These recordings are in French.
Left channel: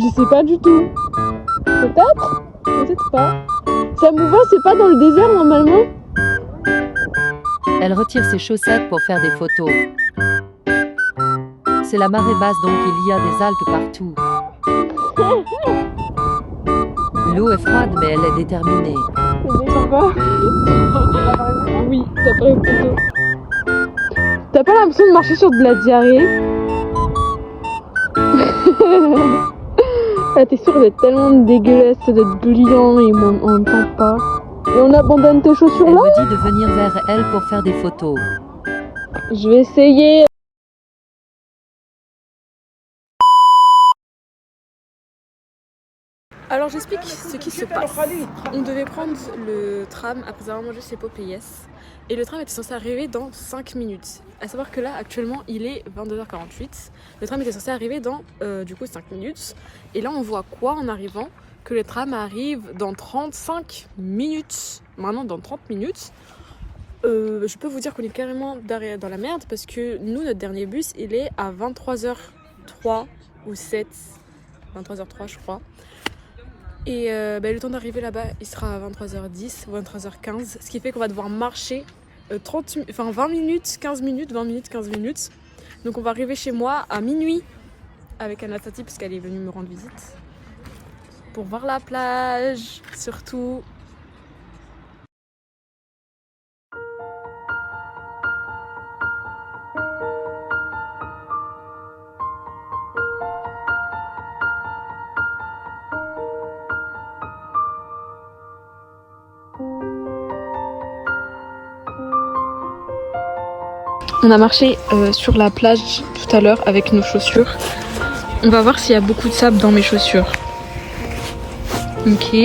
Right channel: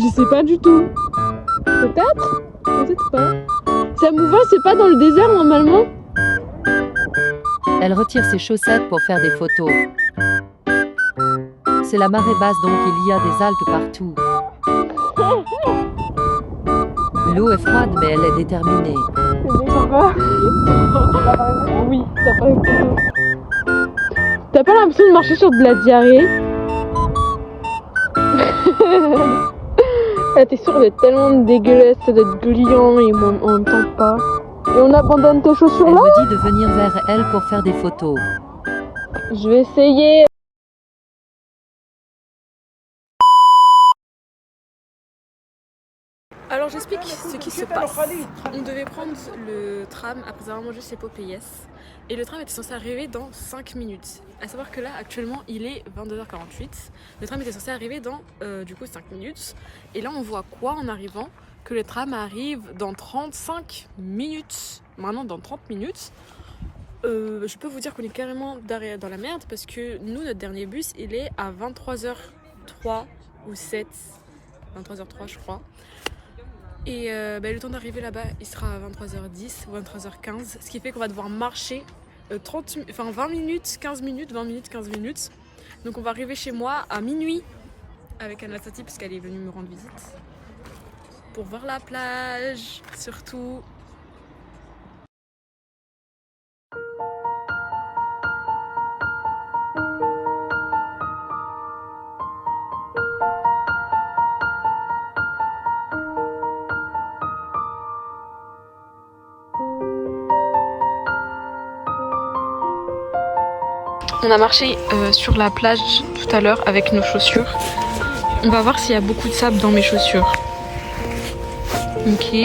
Je sais pas du tout. Peut-être? Peut-être pas. Ça me voit, c'est pas dans le désert normalement? Elle retire ses chaussettes pour faire des photos. C'est la marée basse donc il y a des algues partout. L'eau est froide mais elle est déterminée. Oui, t'as pas photo. T'as pas l'impression de marcher sur de la diarrhée? Ah, t'es sûr d'être tellement dégueulasse, d'être brillant et on t'entend pas. Et on abandonne tes chaussures Elle là? me dit de venir vers elle pour faire des photos. Je vais essayer. Alors j'explique ce qui se passe. On devait prendre le tram après avoir mangé ses Popeyes. Et le tram était censé arriver dans 5 minutes. À savoir que là actuellement il est 22h48. Le tram était censé arriver dans du coup 5 minutes. Et là on voit quoi en arrivant? Que le tram arrive dans 35 minutes. Maintenant dans 30 minutes. Je peux vous dire qu'on est carrément dans la merde parce que nous notre dernier bus il est à 23h03 ou 7. 23h03 je crois. Et le temps d'arriver là-bas, il sera à 23h10 ou 23h15. Ce qui fait qu'on va devoir marcher 20 minutes, 15 minutes, 20 minutes, 15 minutes. Donc on va arriver chez moi à minuit avec Anastasia parce qu'elle est venue me rendre visite. Pour voir la plage, surtout. On a marché sur la plage tout à l'heure avec nos chaussures. On va voir s'il y a beaucoup de sable dans mes chaussures. Ok.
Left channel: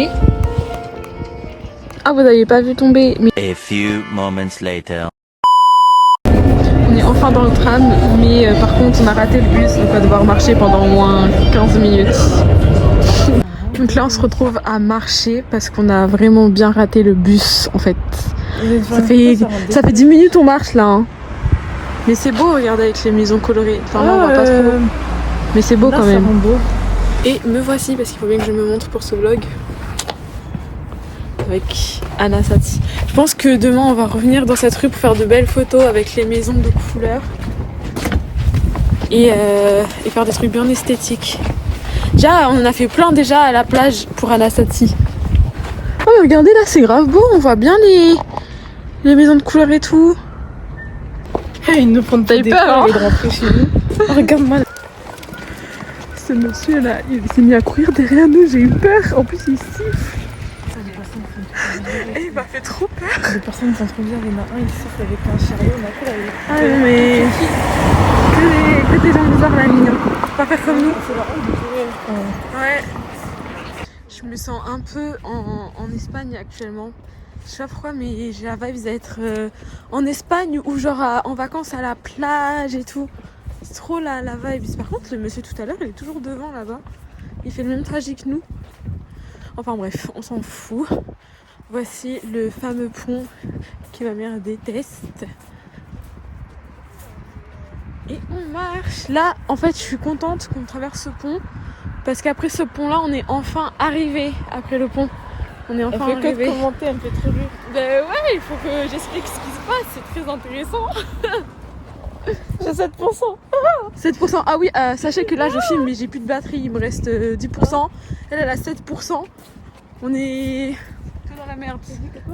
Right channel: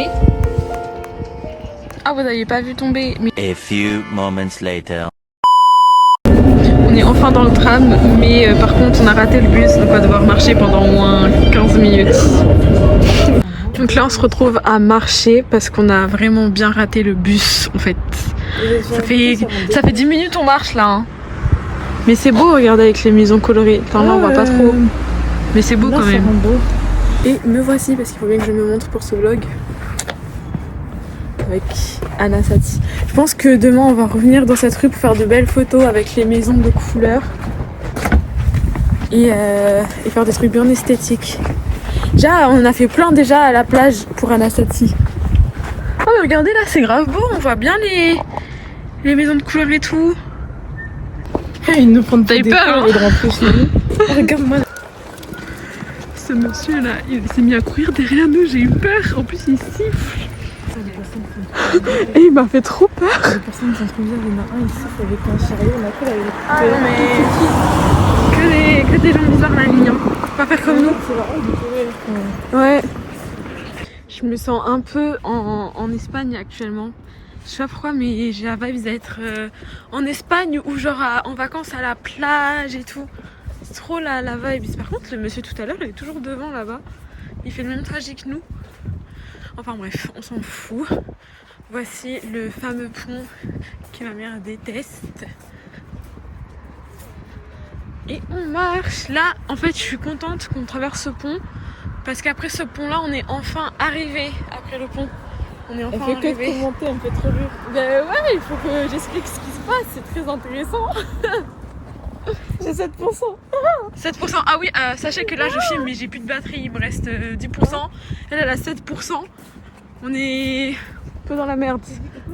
Ah, vous n'avez pas vu tomber. Mais... A few moments later. On est enfin dans le tram, mais par contre on a raté le bus, donc on va devoir marcher pendant au moins 15 minutes. Donc là on se retrouve à marcher parce qu'on a vraiment bien raté le bus en fait. Ça fait 10 minutes on marche là. Hein. Mais c'est beau, regardez avec les maisons colorées. Enfin là on voit pas trop. Mais c'est beau quand même. Beau. Et me voici parce qu'il faut bien que je me montre pour ce vlog. Avec Anastasia. Je pense que demain on va revenir dans cette rue pour faire de belles photos avec les maisons de couleurs. Et faire des trucs bien esthétiques. Déjà on en a fait plein déjà à la plage pour Anastasia. Oh mais regardez là c'est grave beau, on voit bien les maisons de couleurs et tout. Ils nous font taille peur, hein. Oh, regarde-moi. Ce monsieur là, il s'est mis à courir derrière nous, j'ai eu peur. En plus il siffle. Et il m'a fait trop peur. Les personnes sont trop bien, il y en a un il siffle avec un chariot, on a fait avec... Ah mais... Que des gens bizarres là, mignons. Faut pas faire comme nous. C'est la honte de courir. Ouais. Je me sens un peu en Espagne actuellement. Je sais pas pourquoi mais j'ai la vibe d'être en Espagne ou genre en vacances à la plage et tout. C'est trop la vibe. Par contre le monsieur tout à l'heure il est toujours devant là-bas. Il fait le même trajet que nous. Enfin bref, on s'en fout. Voici le fameux pont que ma mère déteste. Et on marche. Là en fait je suis contente qu'on traverse ce pont. Parce qu'après ce pont là on est enfin arrivé après le pont. On est enfin elle fait arrivé. que commenter, elle me fait trop rire. Ben ouais, il faut que j'explique ce qui se passe, c'est très intéressant. J'ai 7%. 7%, ah oui, sachez que là je filme mais j'ai plus de batterie, il me reste 10%. Elle a 7%. On est un peu dans la merde.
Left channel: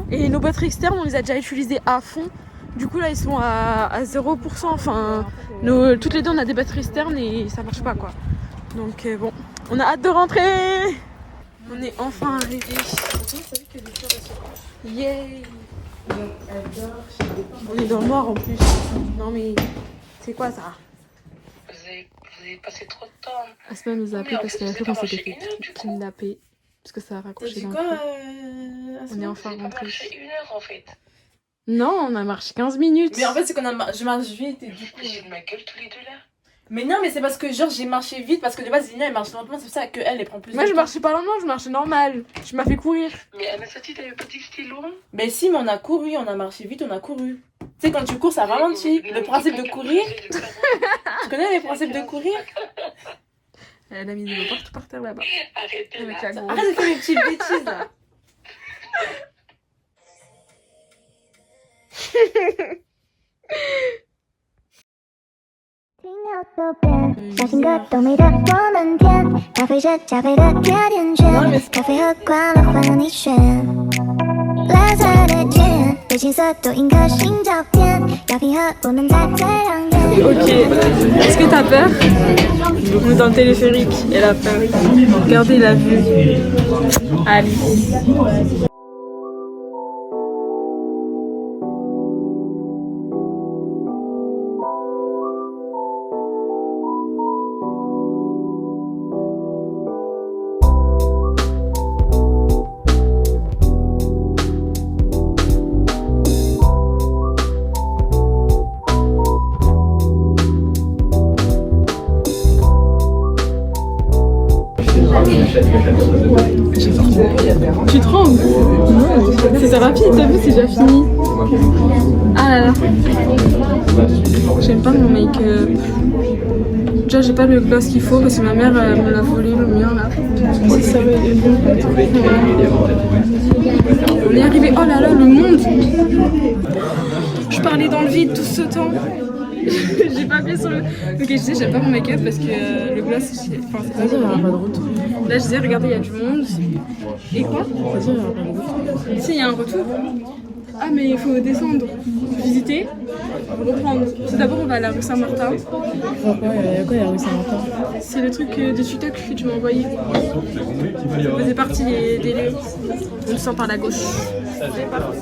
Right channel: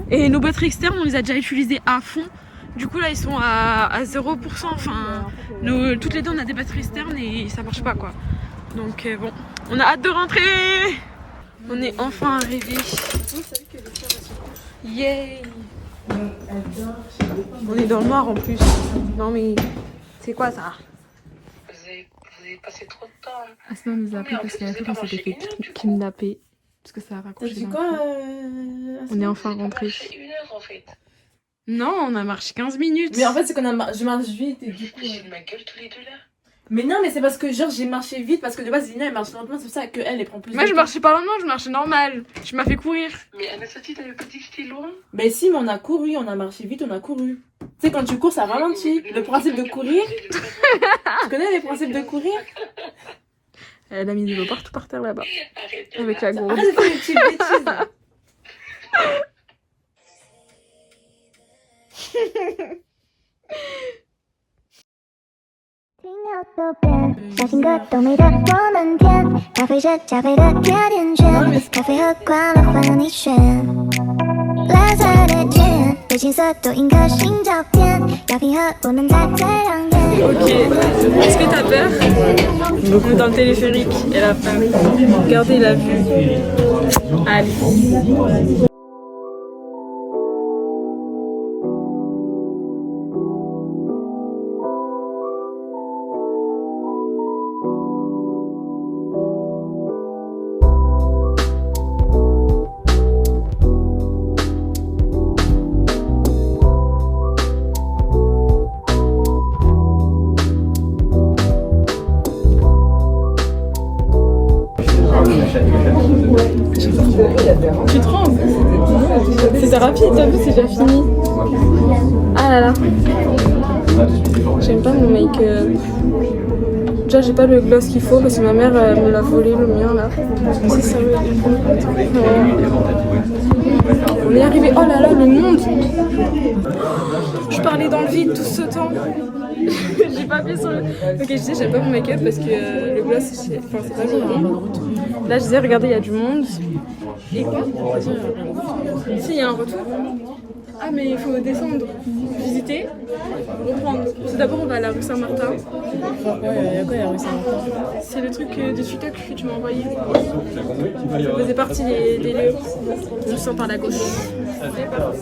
Et nos batteries externes, on les a déjà utilisées à fond. Du coup là ils sont à 0%. Enfin, toutes les deux on a des batteries externes et ça marche pas quoi. Donc bon, on a hâte de rentrer. On est enfin arrivé. Yay! On est dans le noir en plus. Non mais c'est quoi ça? Vous avez passé trop de temps. Asma nous a appelé parce qu'en fait on s'était fait kidnapper. Parce que ça a raccroché d'un coup. On est enfin rentré. Une heure en fait. Non, on a marché 15 minutes. Mais en fait c'est qu'on je marche vite et du coup... J'ai de ma gueule tous les deux là. Mais non mais c'est parce que genre j'ai marché vite parce que de base Zina elle marche lentement, c'est pour ça qu'elle prend plus Moi de je temps. marchais pas lentement, je marchais normal. Tu m'as fait courir. Mais Anastasia, t'avais pas dit que c'était loin? Mais si mais on a couru, on a marché vite, on a couru. Tu sais quand tu cours ça ralentit. Le principe de courir... Tu connais les principes de courir? Elle a mis de l'eau partout par terre là-bas. Arrête. Avec la gourde. Arrête de faire une petite bêtise là.小情歌都美得我们甜，咖啡是加菲的甜甜圈，咖啡喝惯了换了你选。蓝色的天，对青色多印颗心照片，要平和不能再最让眼。 Ok, est-ce que t'as peur? On est dans le téléphérique, elle a peur. Regardez la vue. Allez. Tu trembles? C'est rapide, t'as vu, c'est déjà fini. Ah là là. J'aime pas mon make-up. Déjà, j'ai pas le gloss qu'il faut parce que ma mère me l'a volé le mien là. C'est ça, on est arrivé. Oh là là, le monde! Je parlais dans le vide tout ce temps. J'ai pas appuyé sur le. Ok, je disais, j'aime pas mon make-up parce que le gloss, c'est pas bon. Là, je disais, regardez, il y a du monde. Et quoi? Si, il y a un retour. Ah, mais il faut descendre, visiter, reprendre. C'est d'abord, on va à la rue Saint-Martin. C'est le truc de TikTok que tu m'as envoyé. Ça faisait partie des lieux. On sent par la gauche. C'est parti.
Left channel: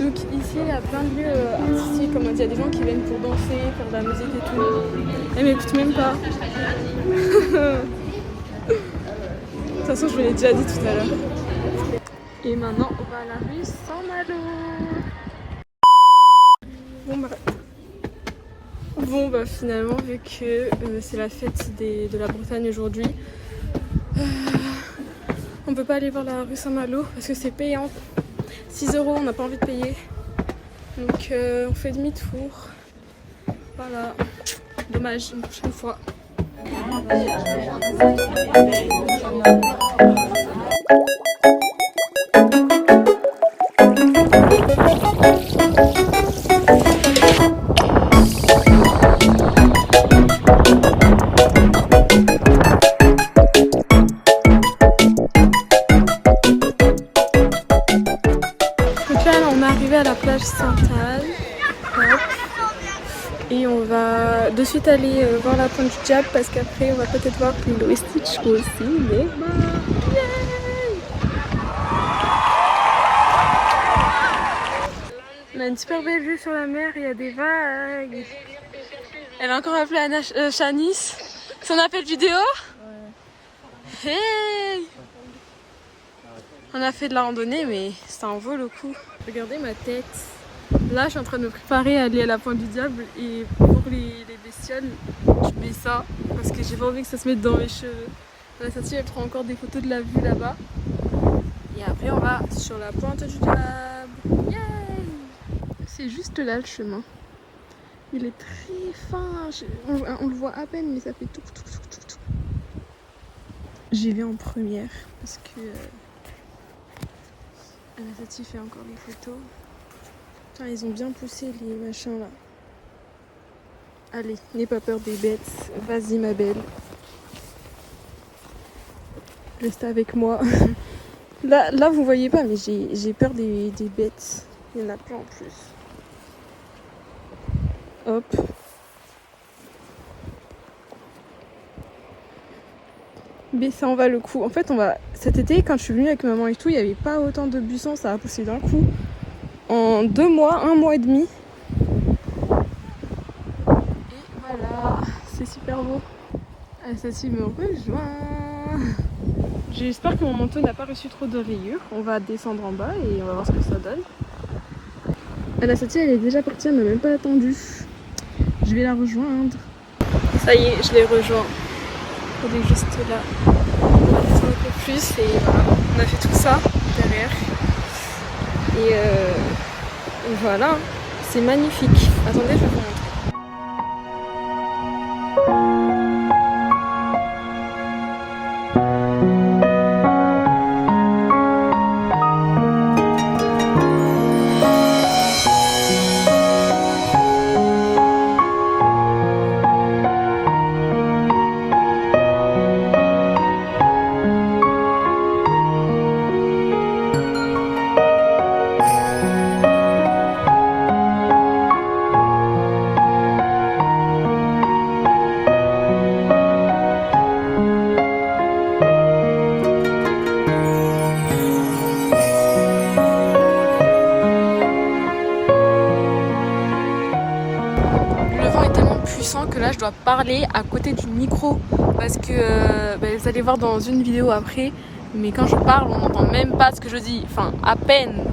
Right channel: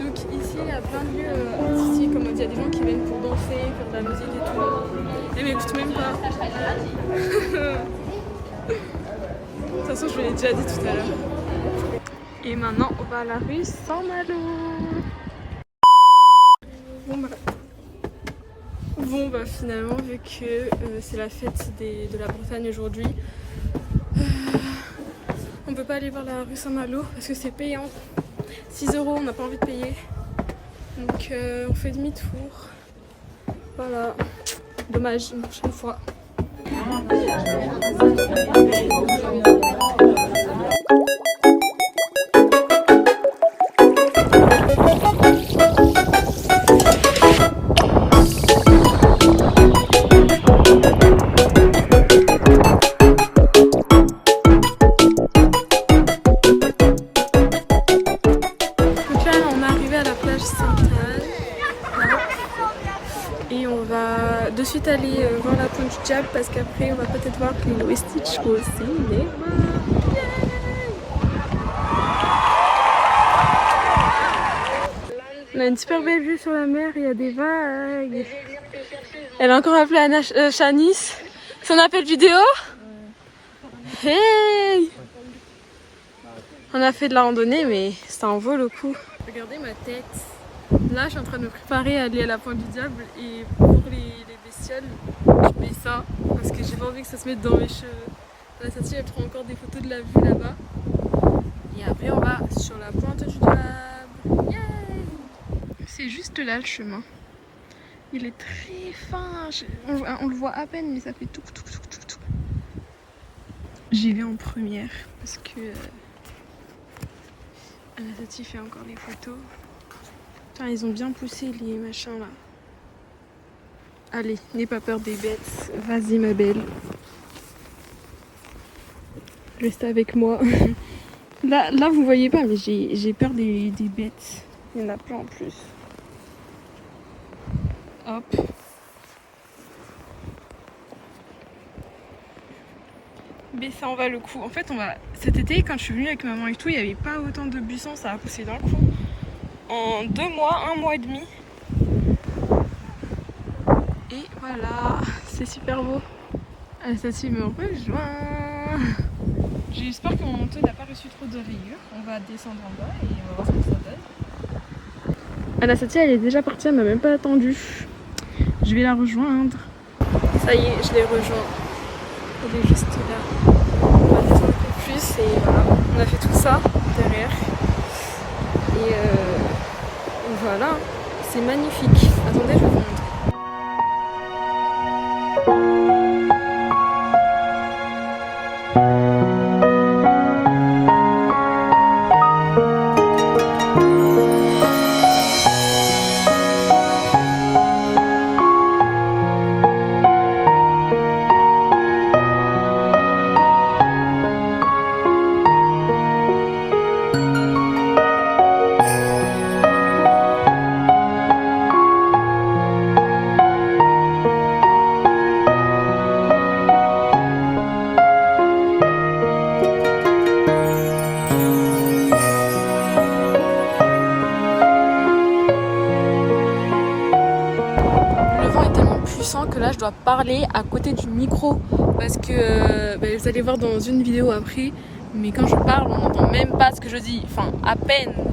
Donc ici il y a plein de lieux artistiques, comme on dit, il y a des gens qui viennent pour danser, faire de la musique et tout. Elle m'écoute même pas. De toute façon je vous l'ai déjà dit tout à l'heure. Et maintenant on va à la rue Saint-Malo. Bon bah finalement vu que c'est la fête de la Bretagne aujourd'hui, on peut pas aller voir la rue Saint-Malo parce que c'est payant. 6 €, on n'a pas envie de payer. Donc on fait demi-tour. Voilà. Dommage, une prochaine fois. Et on va de suite aller voir la pointe du diable parce qu'après on va peut-être voir Lilo et Stitch aussi. Mais bah, yay! On a une super belle vue sur la mer, il y a des vagues. Elle a encore appelé Anna Shanice. Son appel vidéo? Ouais. Hey! On a fait de la randonnée mais ça en vaut le coup. Regardez ma tête. Là, je suis en train de me préparer à aller à la pointe du diable et pour les bestioles, je mets ça parce que j'ai pas envie que ça se mette dans mes cheveux. La Satie, elle prend encore des photos de la vue là-bas. Et après, on va sur la pointe du diable. Yay! C'est juste là le chemin. Il est très fin. On le voit à peine, mais ça fait tout. J'y vais en première parce que la Satie fait encore des photos. Putain, ils ont bien poussé les machins là. Allez, n'aie pas peur des bêtes. Vas-y ma belle. Reste avec moi. Là vous voyez pas, mais j'ai peur des bêtes. Il y en a plein en plus. Hop. Mais ça en va le coup. En fait, cet été, quand je suis venue avec maman et tout, il n'y avait pas autant de buissons, ça a poussé d'un coup. En 2 mois, 1 mois et demi. Et voilà, c'est super beau. Ah, ça me rejoint. J'espère que mon manteau n'a pas reçu trop de rayures. On va descendre en bas et on va voir ce que ça donne. Anastasia, elle est déjà partie, elle m'a même pas attendu. Je vais la rejoindre. Ça y est, je l'ai rejoint. Elle est juste là. On va descendre un peu plus et voilà. On a fait tout ça derrière. Et voilà, c'est magnifique. Attendez, je vais vous montrer. sens que là je dois parler à côté du micro parce que vous allez voir dans une vidéo après, mais quand je parle on n'entend même pas ce que je dis, enfin à peine.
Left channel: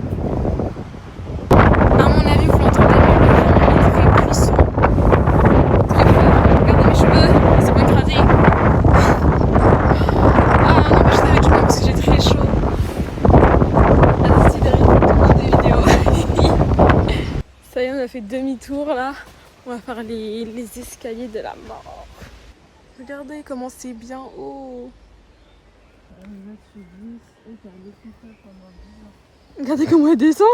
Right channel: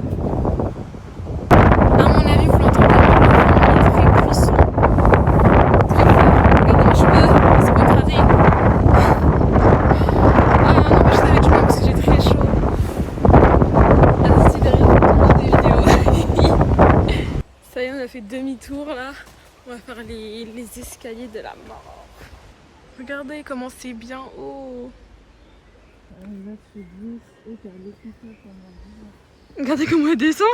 À mon avis vous l'entendez, mais il est très puissant. Très fort. Regardez un petit peu, c'est pas écrasé. Ah non, je savais que je m'en parce que j'ai très chaud. Assistez derrière pour des vidéos. Ça y est, on a fait demi-tour là. On va faire les escaliers de la mort. Regardez comment c'est bien haut. Regardez comment elle descend.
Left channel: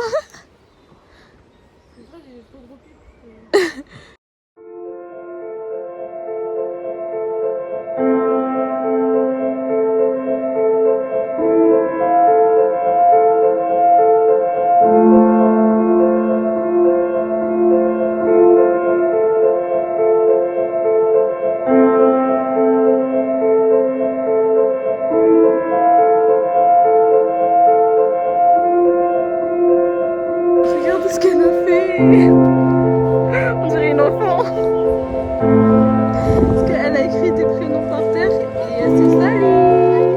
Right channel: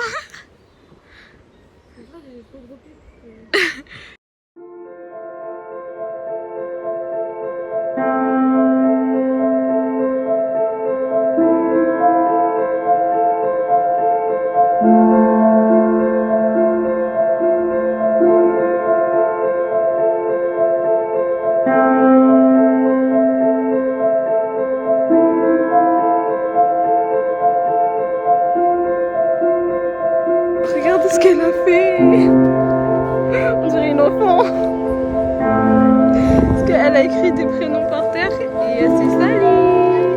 Regardez ce qu'elle a fait. On dirait une enfant. Parce qu'elle a écrit des prénoms par terre et elle s'est salie.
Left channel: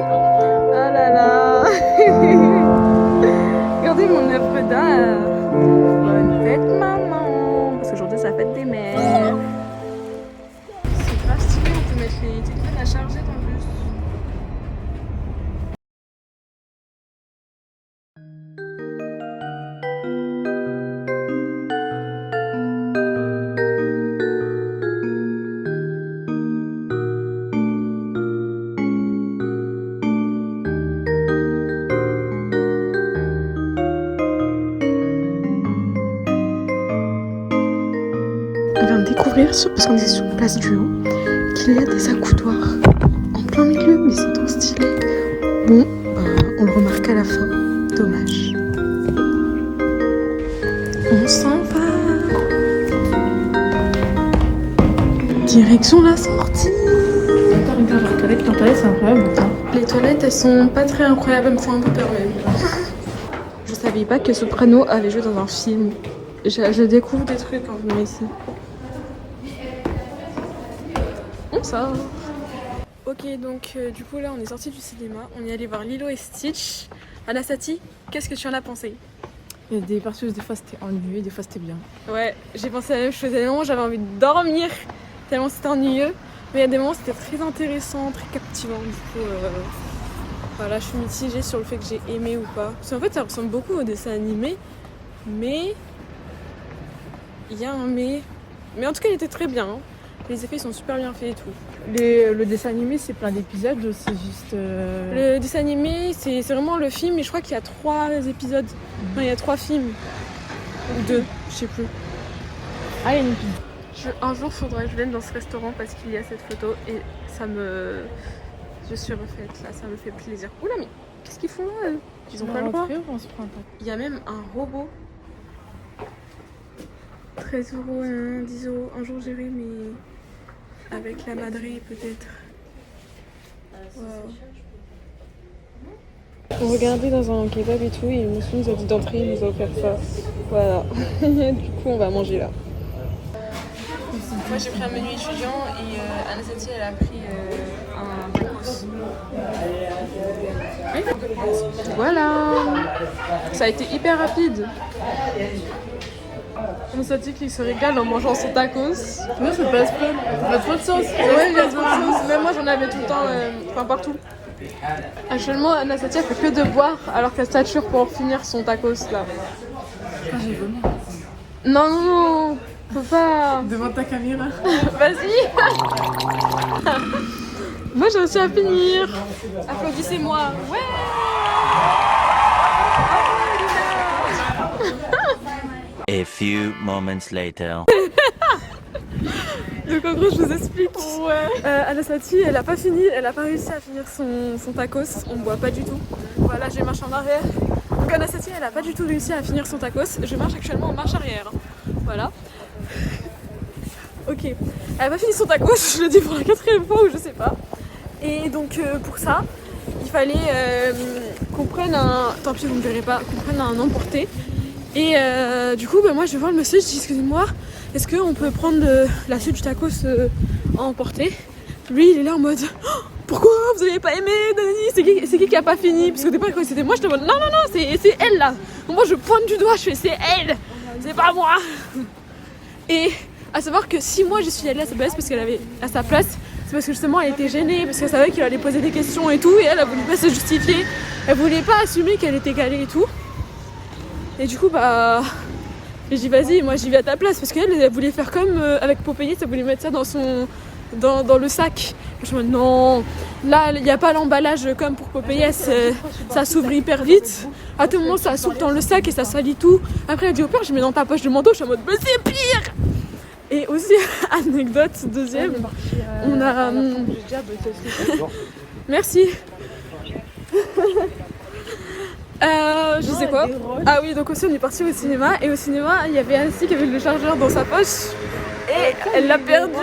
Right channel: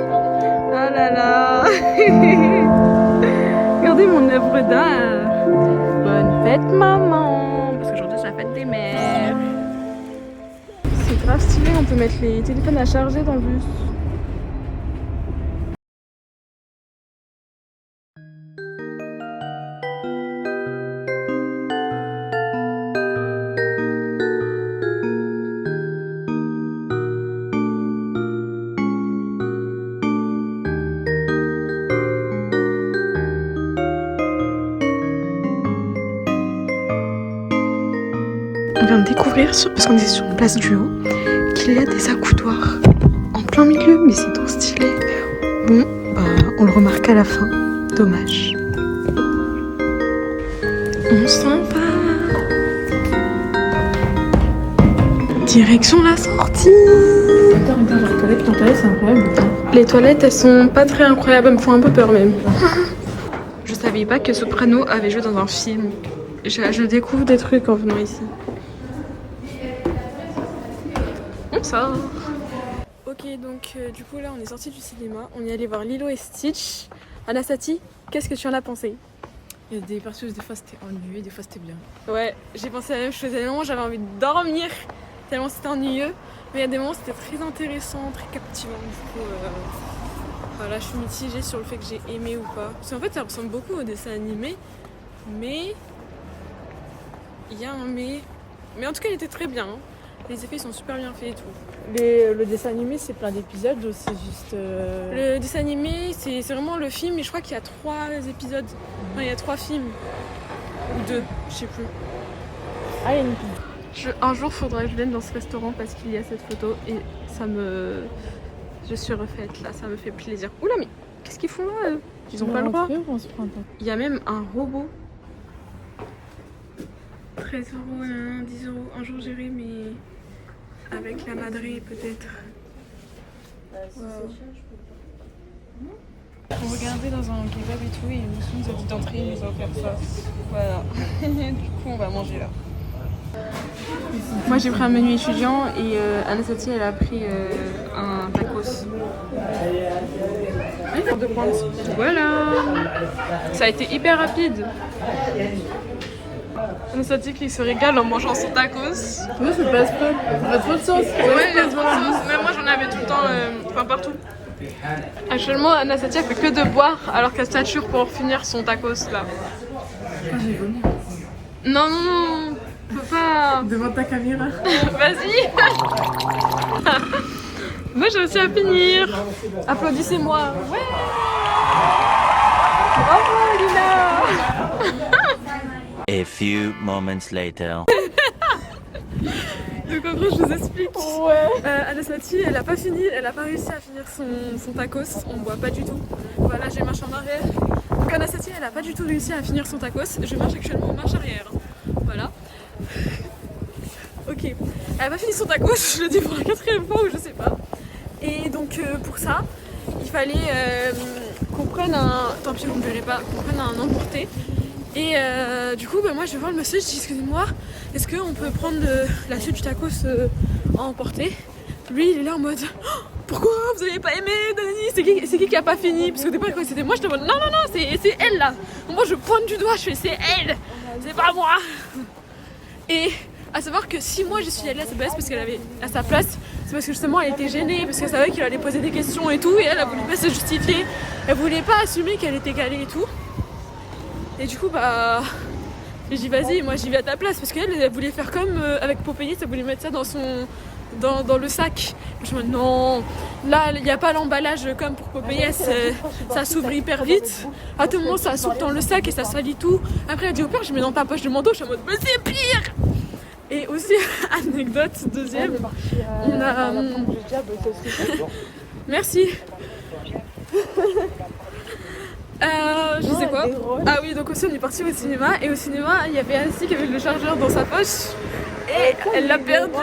Ah là là. Regardez mon œuvre d'art. Bonne fête maman. Parce qu'aujourd'hui c'est la fête des mères. C'est grave stylé, on peut mettre les téléphones à charger dans le bus. On vient de découvrir, parce qu'on est sur Place du Haut, qu'il y a des accoudoirs en plein milieu, mais c'est trop stylé. Bon, on le remarque à la fin. Dommage. On s'en va. Direction la sortie. Les toilettes, c'est incroyable. Les toilettes, elles sont pas très incroyables, elles me font un peu peur même. Je savais pas que Soprano avait joué dans un film. Je découvre des trucs en venant ici. On sort. Ok, donc du coup là on est sorti du cinéma, on est allé voir Lilo et Stitch. Anastati, qu'est-ce que tu en as pensé? Il y a des parties où des fois c'était ennuyeux, des fois c'était bien. Ouais, j'ai pensé à la même chose. Il y a des moments où j'avais envie de dormir tellement c'était ennuyeux, mais il y a des moments où c'était très intéressant, très captivant. Du coup, voilà, je suis mitigée sur le fait que j'ai aimé ou pas. Parce qu'en fait, ça ressemble beaucoup au dessin animé, mais il y a un mais. Mais en tout cas, il était très bien. Hein. Les effets sont super bien faits et tout. Le dessin animé, c'est plein d'épisodes, c'est juste. Le dessin animé, c'est vraiment le film, et je crois qu'il y a 3 épisodes. Enfin, il y a 3 films. Ou 2, je sais plus. Ah, il y a une Un jour, faudra que je vienne dans ce restaurant parce qu'il y a cette photo et ça me. Je suis refaite là, ça me fait plaisir. Oula, mais qu'est-ce qu'ils font là? Ils ont pas le droit. Il y a même un robot. 13 €, 10 €. Un jour, j'irai, mais avec la madrée peut-être. Wow. On regardait dans un kebab et tout, et le monsieur nous a dit d'entrer, il nous a offert ça. Voilà. Du coup, on va manger là. Moi j'ai pris un menu étudiant et Anastati elle a pris un tacos. Oui, de pointe. Voilà. Ça a été hyper rapide. Anastati qui se régale en mangeant son tacos. Moi, ça passe pas. Ça pas trop de sens. Ouais, moi j'en avais tout le temps, enfin partout. Actuellement, Anastati elle fait que de boire alors qu'elle stature pour finir son tacos là. Quand j'ai vomi. Non, non, non. Faut pas. Devant ta caméra. Vas-y. Moi j'ai aussi à finir. Applaudissez-moi. Ouais. Oh Lina. A few moments later. Donc en gros je vous explique. Ouais. Anastati elle a pas fini, elle a pas réussi à finir son tacos. On boit pas du tout. Voilà, j'ai marché en arrière. Donc Anastati elle a pas du tout réussi à finir son tacos. Je marche actuellement en marche arrière. Voilà. Ok, elle a pas fini son tacos, je le dis pour la 4e fois ou je sais pas. Et donc pour ça, il fallait qu'on prenne un... Tant pis vous me verrez pas, qu'on prenne un emporté. Et du coup, bah, moi je vais voir le monsieur, je dis excusez-moi, est-ce qu'on peut prendre la suite du tacos à emporter? Lui il est là en mode oh, pourquoi vous avez pas aimé Dani, c'est qui a pas fini? Parce qu'au départ quand c'était moi je te demande non c'est elle là. Donc moi je pointe du doigt, je fais c'est elle, c'est pas moi. Et à savoir que si moi je suis allée à sa place parce qu'elle avait à sa place, c'est parce que justement elle était gênée, parce qu'elle savait qu'il allait poser des questions et tout, et elle a voulu pas se justifier, elle voulait pas assumer qu'elle était calée et tout. Et du coup bah j'ai dit vas-y, moi j'y vais à ta place, parce qu'elle elle voulait faire comme avec Popeyes, elle voulait mettre ça dans le sac. Je me dis non, là il n'y a pas l'emballage comme pour Popeyes, ça s'ouvre hyper vite. À tout moment ça s'ouvre dans le sac et ça salit tout. Après elle dit au pire je mets dans ta poche de manteau, je suis en mode mais c'est pire. Et aussi anecdote deuxième, on a merci. Je sais quoi. Ah oui, donc aussi on est parti au cinéma, et au cinéma il y avait Annecy qui avait le chargeur dans sa poche et elle l'a perdu.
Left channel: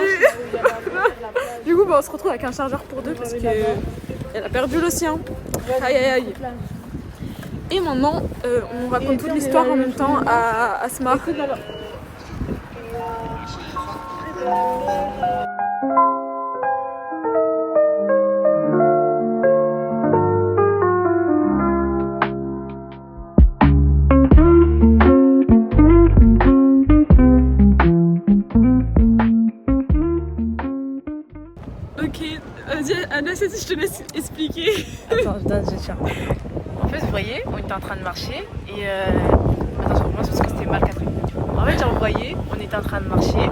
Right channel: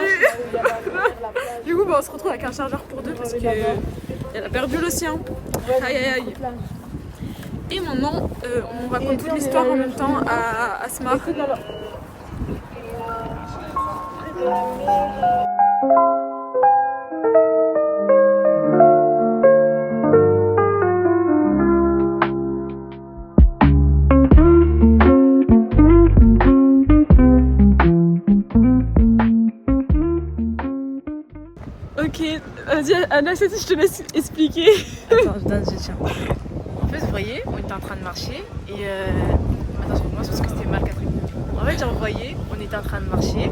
Du coup bah, on se retrouve avec un chargeur pour deux parce qu'elle a perdu le sien. Aïe aïe aïe. Et maintenant on raconte toute l'histoire en même temps à Asma. Ok, vas-y Anna, je te laisse expliquer. Attends, j'ai cher. En fait, vous voyez, on était en train de marcher et attends, parce que c'était mal capté. En fait, vous voyez, on était en train de marcher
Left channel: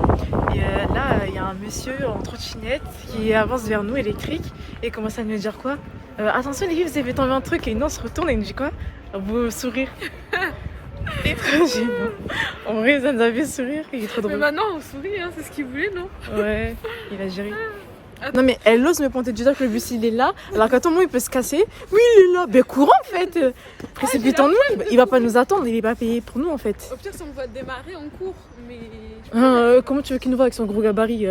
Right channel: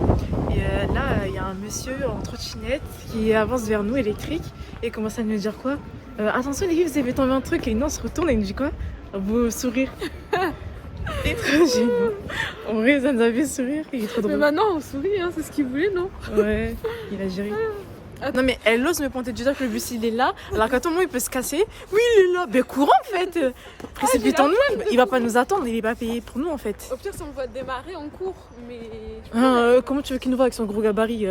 et là, il y a un monsieur en trottinette qui avance vers nous, électrique, et commence à nous dire quoi attention les filles, vous avez tombé un truc, et nous on se retourne et il nous dit quoi? Vous sourire. C'est trop gênant. En vrai, ça nous a fait sourire, il est trop drôle. Mais maintenant on sourit, hein, c'est ce qu'il voulait, non? Ouais, il a géré. Non mais elle ose me pointer du doigt que le bus il est là, alors qu'à tout moment il peut se casser. Oui il est là, ben courant en fait. Précipitons-nous, il va pas nous attendre, il est pas payé pour nous en fait. Au pire si on voit démarrer on court, mais... Comment tu veux qu'il nous voit avec son gros gabarit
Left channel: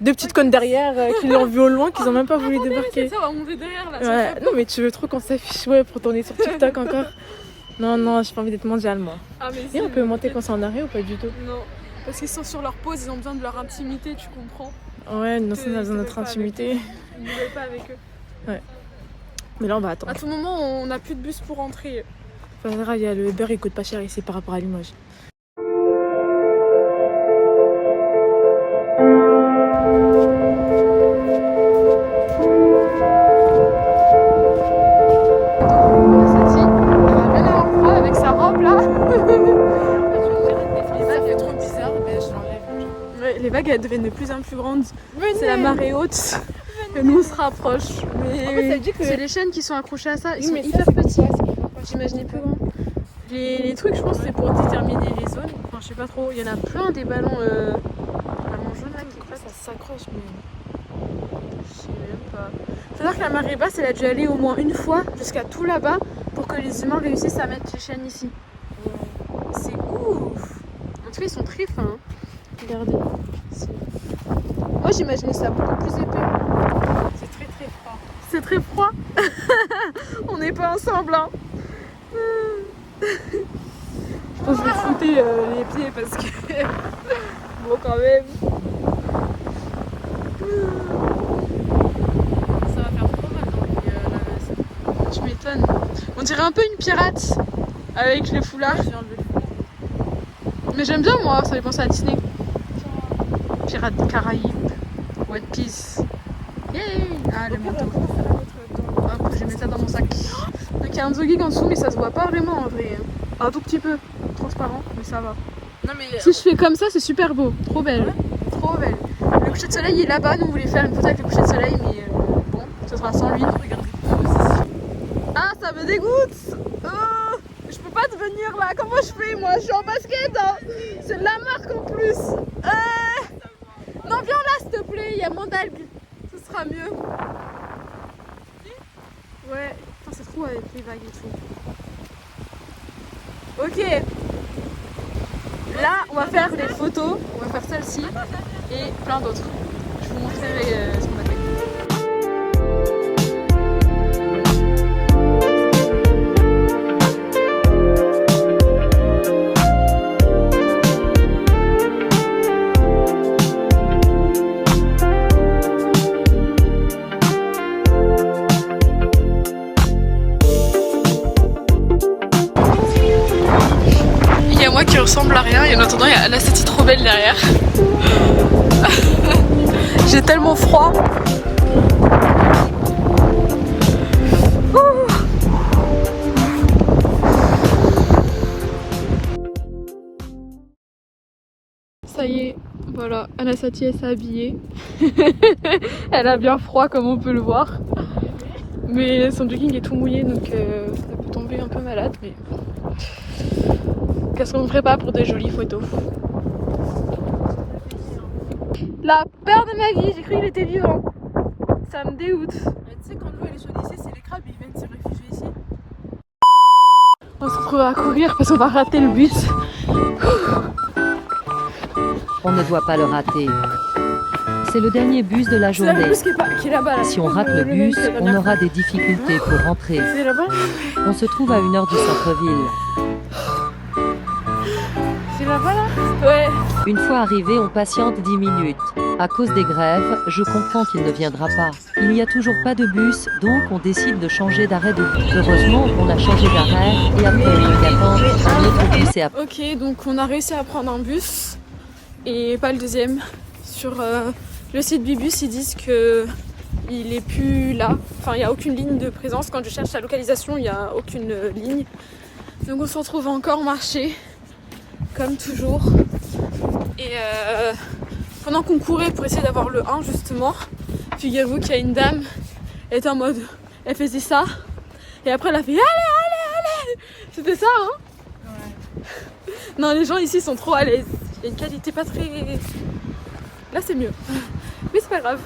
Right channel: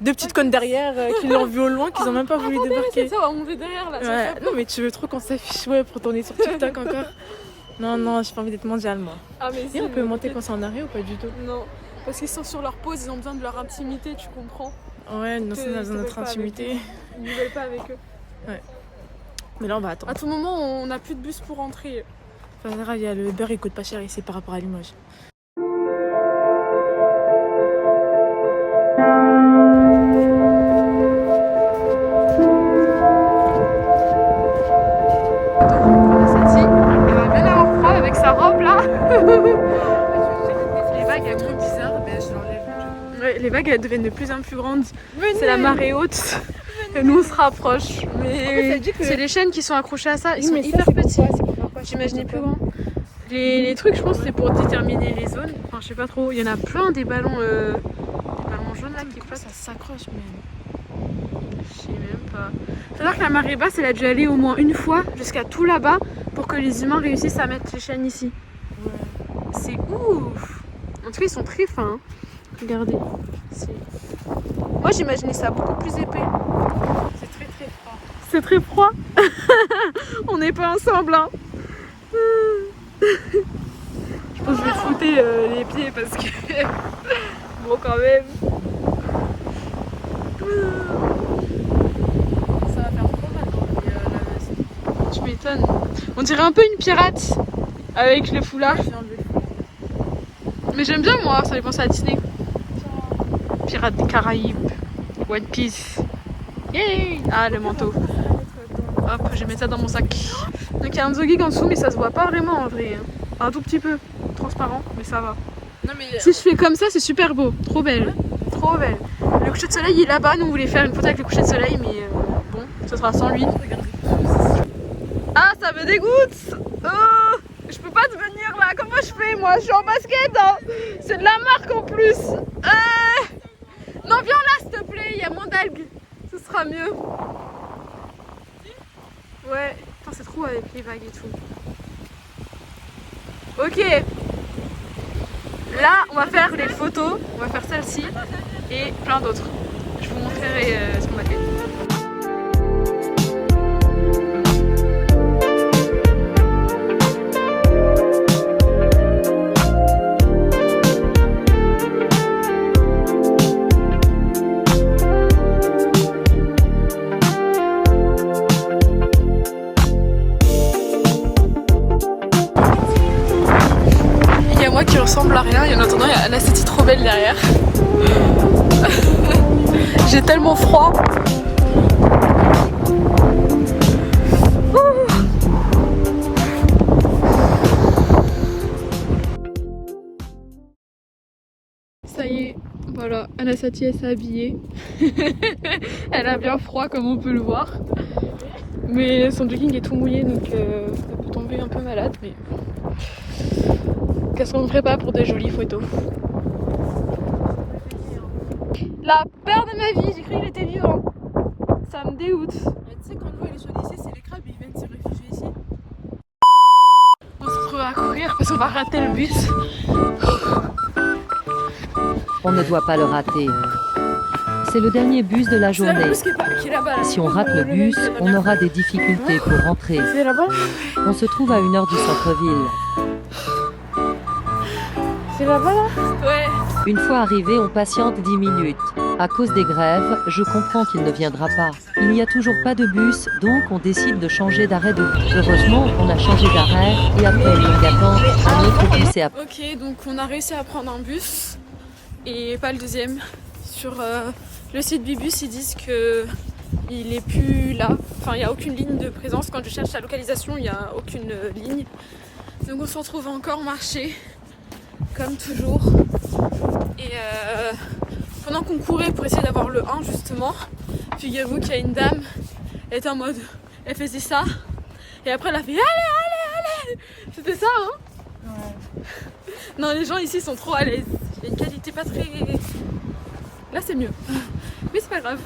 deux petites connes derrière qui l'ont vu au loin, qu'ils ont même pas voulu débarquer. Ça va monter derrière là. Ouais, non mais tu veux trop qu'on s'affiche pour tourner sur TikTok encore. Non, j'ai pas envie d'être mondiale moi. Ah, mais Et on peut monter quand c'est en arrêt ou pas du tout? Non, parce qu'ils sont sur leur pause, ils ont besoin de leur intimité, tu comprends? Ouais, nous on a besoin de notre intimité. Ils ne veulent pas avec eux. Ouais. Mais là on va attendre. À tout moment, on n'a plus de bus pour rentrer. Enfin, il y a le beurre, il coûte pas cher ici par rapport à Limoges. Avec sa robe là. Les vagues elles sont bizarres, mais je l'enlève. Ouais, les vagues elles deviennent de plus en plus grandes. C'est la marée haute. Et nous on se rapproche. Mais c'est les chaînes qui sont accrochées à ça. Ils sont hyper petits. J'imaginais plus grand. Les trucs, je pense, c'est pour déterminer les zones. Enfin, je sais pas trop. Il y en a plein des ballons jaunes là qui passent. Ça s'accroche, mais. Je sais même pas. C'est-à-dire que la marée basse, elle a dû aller au moins une fois jusqu'à tout là-bas pour que les humains réussissent à mettre les chaînes ici. C'est ouf. En tout cas, ils sont très fins. Hein. Regardez. Moi, j'imaginais ça beaucoup plus épais. C'est très très froid. C'est très froid. On n'est pas ensemble. Hein. Je pense que je vais fouter les pieds parce que... bon, quand même. Ça va faire trop mal dans la veste. Tu m'étonnes. On dirait un peu une pirate avec les foulards. Mais j'aime bien moi, ça fait penser à Disney. Pirates des Caraïbes. One Piece. Yay! Ah, le manteau. Hop, je vais mettre ça dans mon sac. Donc il y a un jogging en dessous, mais ça se voit pas vraiment en vrai. Un tout petit peu transparent, mais ça va. Non, mais... Si je fais comme ça, c'est super beau. Trop belle. Trop belle. Le coucher de soleil est là-bas. Nous, on voulait faire une photo avec le coucher de soleil, mais bon, ce sera sans lui. Ah, ça me dégoûte. Oh, je peux pas devenir là. Comment je fais moi? Je suis en basket. Hein. C'est de la marque en plus. Non, viens là, s'il te plaît. Il y a moins d'algues. Ce sera mieux. Ouais. Putain, c'est trop avec les vagues et tout. Ok. Là, on va faire les photos. On va faire celle-ci et plein d'autres. Je vous montrerai ce qu'on a fait. attendant, il y a Anastasia trop belle derrière. J'ai tellement froid. Ça y est, voilà, Anastasia s'est habillée. Elle a bien froid comme on peut le voir. Mais son jogging est tout mouillé donc ça peut tomber un peu malade. Mais qu'est-ce qu'on ne ferait pas pour des jolies photos? La peur de ma vie, j'ai cru qu'il était vivant. Ça me dégoûte. Tu sais quand l'eau est chaude ici, c'est les crabes, ils viennent se réfugier ici. On se retrouve à courir parce qu'on va rater le bus. On ne doit pas le rater. C'est le dernier bus de la C'est là le journée. bus qui est là-bas. Là. Si on rate le mec bus, de la on dernière aura des difficultés pour rentrer. fois. C'est là-bas. On se trouve à 1 heure du centre-ville. C'est là-bas là. Ouais. Une fois arrivé, on patiente 10 minutes. À cause des grèves, je comprends qu'il ne viendra pas. Il n'y a toujours pas de bus, donc on décide de changer d'arrêt de bus. Heureusement, on a changé d'arrêt, et après une longue attente, un autre bus est à... Ok, donc on a réussi à prendre un bus et pas le deuxième. Sur le site Bibus, ils disent que il est plus là. Enfin, il n'y a aucune ligne de présence. Quand je cherche la localisation, il n'y a aucune ligne. Donc on se retrouve encore marcher, comme toujours. Et pendant qu'on courait pour essayer d'avoir le 1 justement, figurez-vous qu'il y a une dame, elle était en mode, elle faisait ça. Et après elle a fait allez, allez, allez. C'était ça, hein? Non, les gens ici sont trop à l'aise. Il y a une qualité pas très... Là c'est mieux. Mais c'est pas grave.